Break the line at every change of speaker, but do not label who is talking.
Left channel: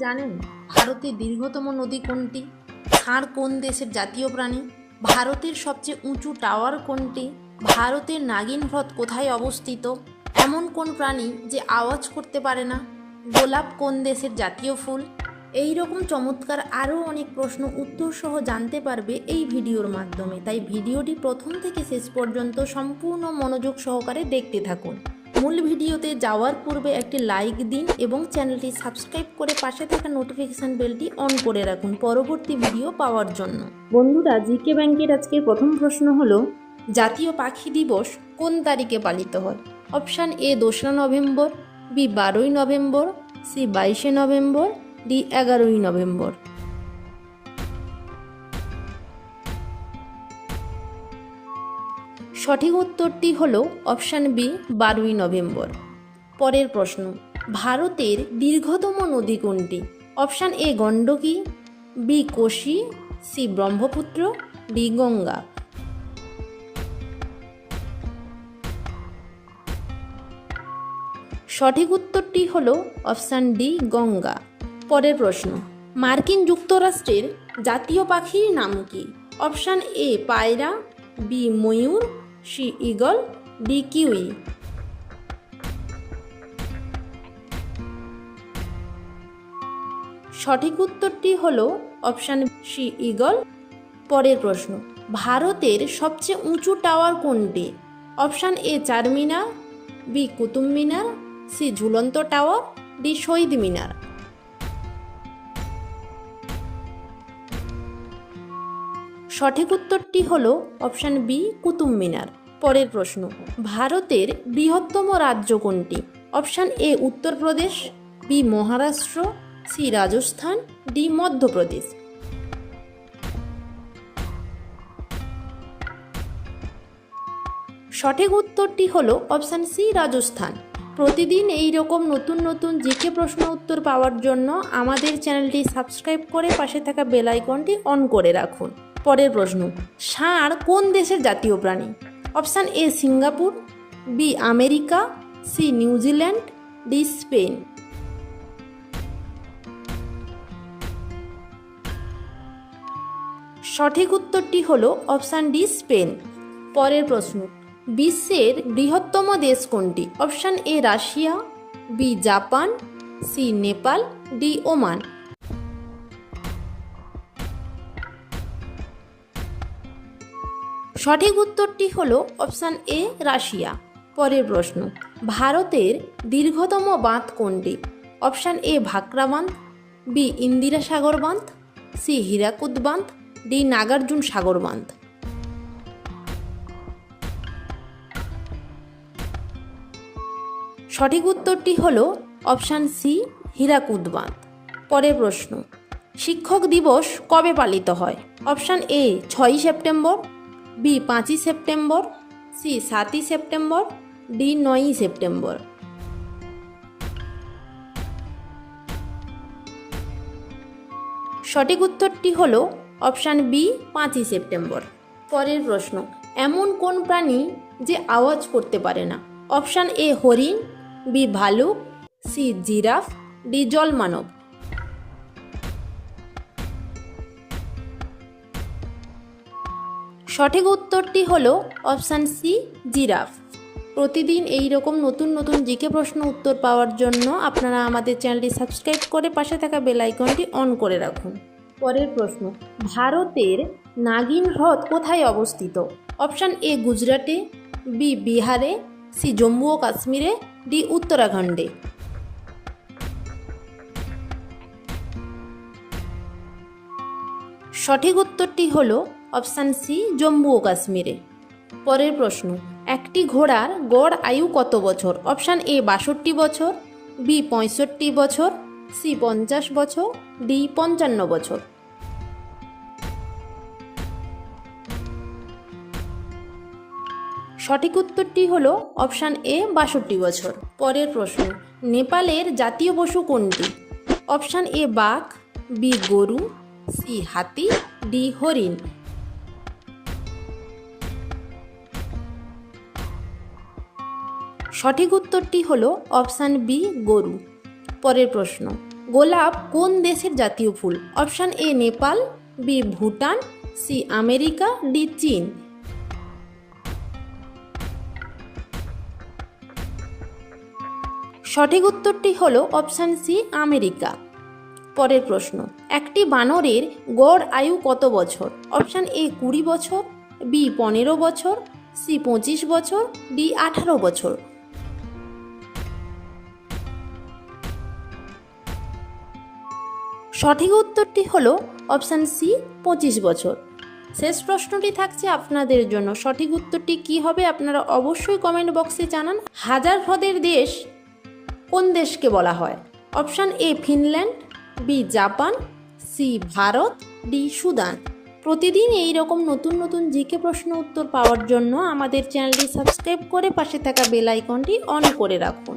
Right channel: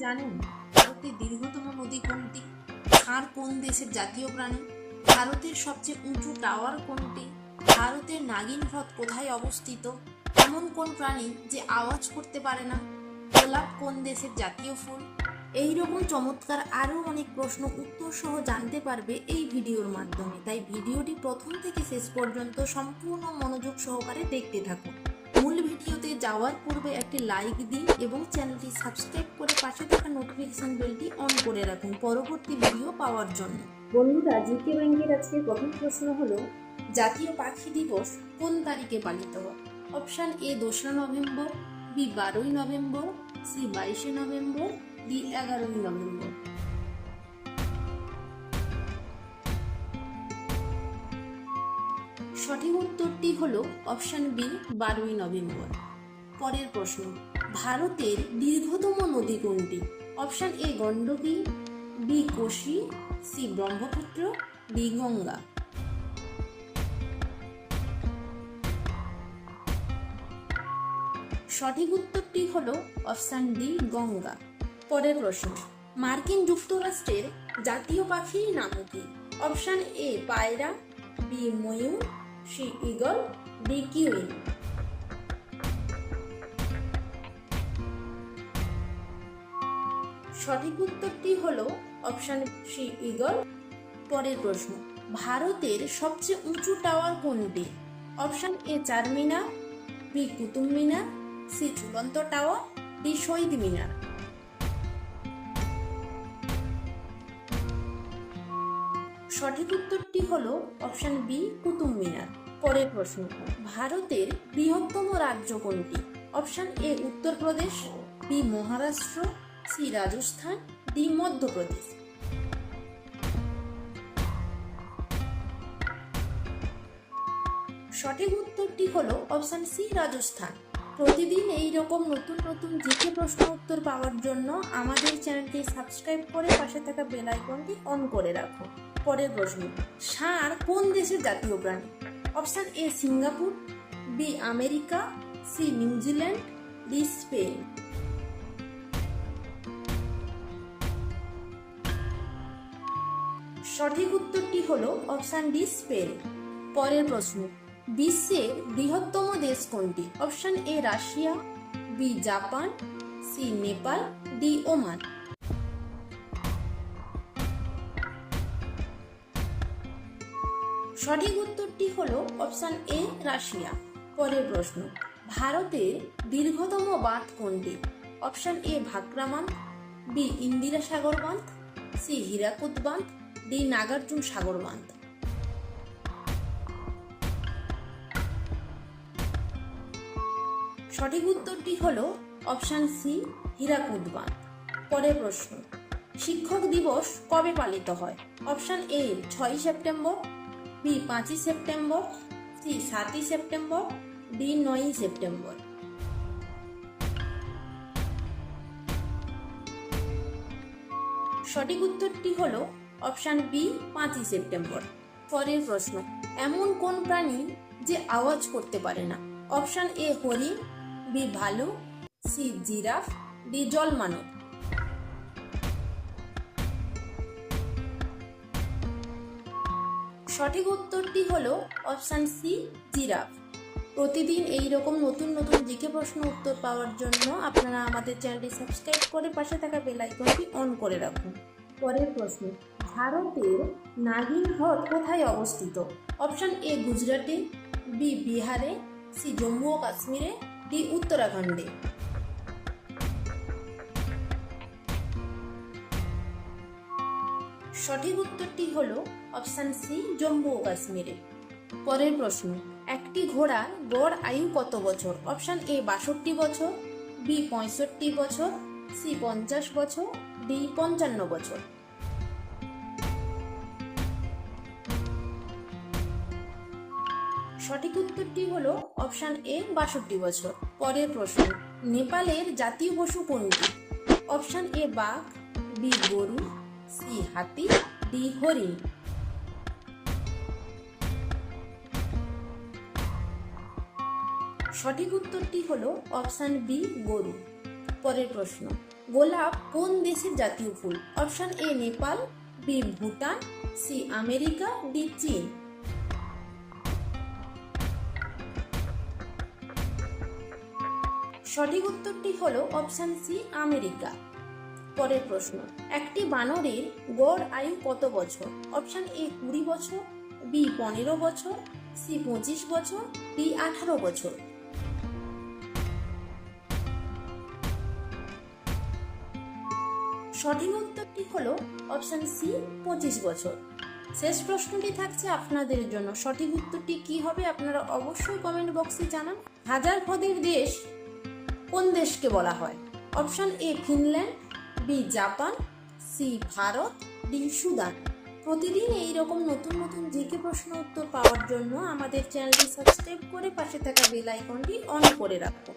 জানেন? ভারতের দীর্ঘতম নদী কোনটি? ষাঁড় কোন দেশের জাতীয় প্রাণী? ভারতের সবচেয়ে উঁচু টাওয়ার কোনটি? ভারতের নাগিন হ্রদ কোথায় অবস্থিত? এমন কোন প্রাণী যে আওয়াজ করতে পারে না? গোলাপ কোন দেশের জাতীয় ফুল? এই রকম চমৎকার আরও অনেক প্রশ্ন উত্তর সহ জানতে পারবে এই ভিডিওর মাধ্যমে। তাই ভিডিওটি প্রথম থেকে শেষ পর্যন্ত সম্পূর্ণ মনোযোগ সহকারে দেখতে থাকুন। মূল ভিডিওতে যাওয়ার পূর্বে একটি লাইক দিন এবং চ্যানেলটি সাবস্ক্রাইব করে পাশে থাকা নোটিফিকেশন বেলটি অন করে রাখুন পরবর্তী ভিডিও পাওয়ার জন্য। বন্ধুরা জিকে ব্যাংকের আজকের প্রথম প্রশ্ন হলো, জাতীয় পাখি দিবস কোন তারিখে পালিত হয়? অপশান এ দোসরা নভেম্বর বি বারোই নভেম্বর সি বাইশে নভেম্বর ডি এগারোই নভেম্বর। সঠিক উত্তরটি হল অপশান বি, বারোই নভেম্বর। পরের প্রশ্ন, ভারতের দীর্ঘতম নদী কোনটি? Option A, Gandaki, B, Kosi, C, Brahmaputra, D, Ganga. সঠিক উত্তরটি হল অপশান ডি, গঙ্গা। পরের প্রশ্ন, মার্কিন যুক্তরাষ্ট্রের জাতীয় পাখির নাম কি? অপশান এ, পায়রা, বি, ময়ূর সি ইগল ডি কিউই সঠিক উত্তরটি হল অপশান সি ইগল পরের প্রশ্ন, ভারতের সবচেয়ে উঁচু টাওয়ার কোনটি? Option A Char Minar B Qutub Minar C ঝুলন্ত টাওয়ার ডি শহীদ মিনার। সঠিক উত্তরটি হল অপশান বি, কুতুব মিনার। পরের প্রশ্ন, ভারতের বৃহত্তম রাজ্য কোনটি? Option A, Uttar Pradesh, B, Maharashtra, C, Rajasthan, D, Madhya Pradesh. সঠিক উত্তরটি হল অপশান সি, রাজস্থান। প্রতিদিন এই রকম নতুন নতুন জিকে প্রশ্ন উত্তর পাওয়ার জন্য আমাদের চ্যানেলটি সাবস্ক্রাইব করে পাশে থাকা বেল আইকনটি অন করে রাখুন। পরের প্রশ্ন ষাঁড় কোন দেশের জাতীয় প্রাণী? Option A Singapore B America C New Zealand D Spain. সঠিক উত্তরটি হল অপশান ডি স্পেন। পরের প্রশ্ন, বিশ্বের বৃহত্তম দেশ কোনটি? Option A Russia B Japan C Nepal D Oman. সঠিক উত্তরটি হল অপশান এ, রাশিয়া। পরের প্রশ্ন, ভারতের দীর্ঘতম বাঁধ কোনটি? অপশান এ, ভাকরা বাঁধ, বি, ইন্দিরা সাগর বাঁধ, সি, হীরাকুদ বাঁধ, ডি, নাগার্জুন সাগর বাঁধ। সঠিক উত্তরটি হল অপশান সি, হীরাকুদ বাঁধ। পরের প্রশ্ন, শিক্ষক দিবস কবে পালিত হয়? অপশান এ, ছয়ই সেপ্টেম্বর বি পাঁচই সেপ্টেম্বর, সি সাতই সেপ্টেম্বর, ডি নয়ই সেপ্টেম্বর। সঠিক উত্তরটি হল অপশান বি পাঁচই সেপ্টেম্বর। পরের প্রশ্ন, এমন কোন প্রাণী যে আওয়াজ করতে পারে না? অপশান এ হরিণ, বি ভালুক, সি জিরাফ, ডি জলমানব। সঠিক উত্তরটি হল অপশান সি, জিরাফ। প্রতিদিন এই রকম নতুন নতুন জিকে প্রশ্ন উত্তর পাওয়ার জন্য আপনারা আমাদের চ্যানেলটি সাবস্ক্রাইব করে পাশে থাকা বেল আইকনটি অন করে রাখুন। পরের প্রশ্ন, ভারতের নাগিন হ্রদ কোথায় অবস্থিত? অপশান এ, গুজরাটে, বি, বিহারে, সি, জম্মু ও কাশ্মীরে, ডি, উত্তরাখণ্ডে। সঠিক উত্তরটি হল অপশান সি, জম্মু ও কাশ্মীরে। পরের প্রশ্ন, একটি ঘোড়ার গড় আয়ু কত বছর? অপশান এ, বাষট্টি বছর, বি, পঁয়ষট্টি বছর, সি, পঞ্চাশ বছর, ডি, পঞ্চান্ন বছর। সঠিক উত্তরটি হল অপশান এ, বাষট্টি বছর। পরের প্রশ্ন, নেপালের জাতীয় পশু কোনটি? অপশান এ, বাঘ, বি, গরু, সি, হাতি, ডি, হরিণ। সঠিক উত্তরটি হল অপশান বি, গরু। পরের প্রশ্ন, গোলাপ কোন দেশের জাতীয় ফুল? Option A, Nepal, B, Bhutan, C, America, D, চীন। সঠিক উত্তরটি হল অপশান সি, আমেরিকা। পরের প্রশ্ন, একটি বানরের গড় আয়ু কত বছর? অপশান এ, কুড়ি বছর, বি, পনেরো বছর, সি, পঁচিশ বছর, ডি, আঠারো বছর। সঠিক উত্তরটি হলো অপশান সি পঁচিশ বছর। শেষ প্রশ্নটি থাকছে আপনাদের জন্য। সঠিক উত্তরটি কি হবে আপনারা অবশ্যই কমেন্ট বক্সে জানান। হাজার হ্রদের দেশ কোন দেশকে বলা হয়? Option A Finland B Japan C Bharat D Sudan. প্রতিদিন এই রকম নতুন নতুন জিকে প্রশ্ন উত্তর পাওয়ার জন্য আমাদের চ্যানেলটি সাবস্ক্রাইব করে পাশে থাকা বেল আইকনটি অন করে রাখুন।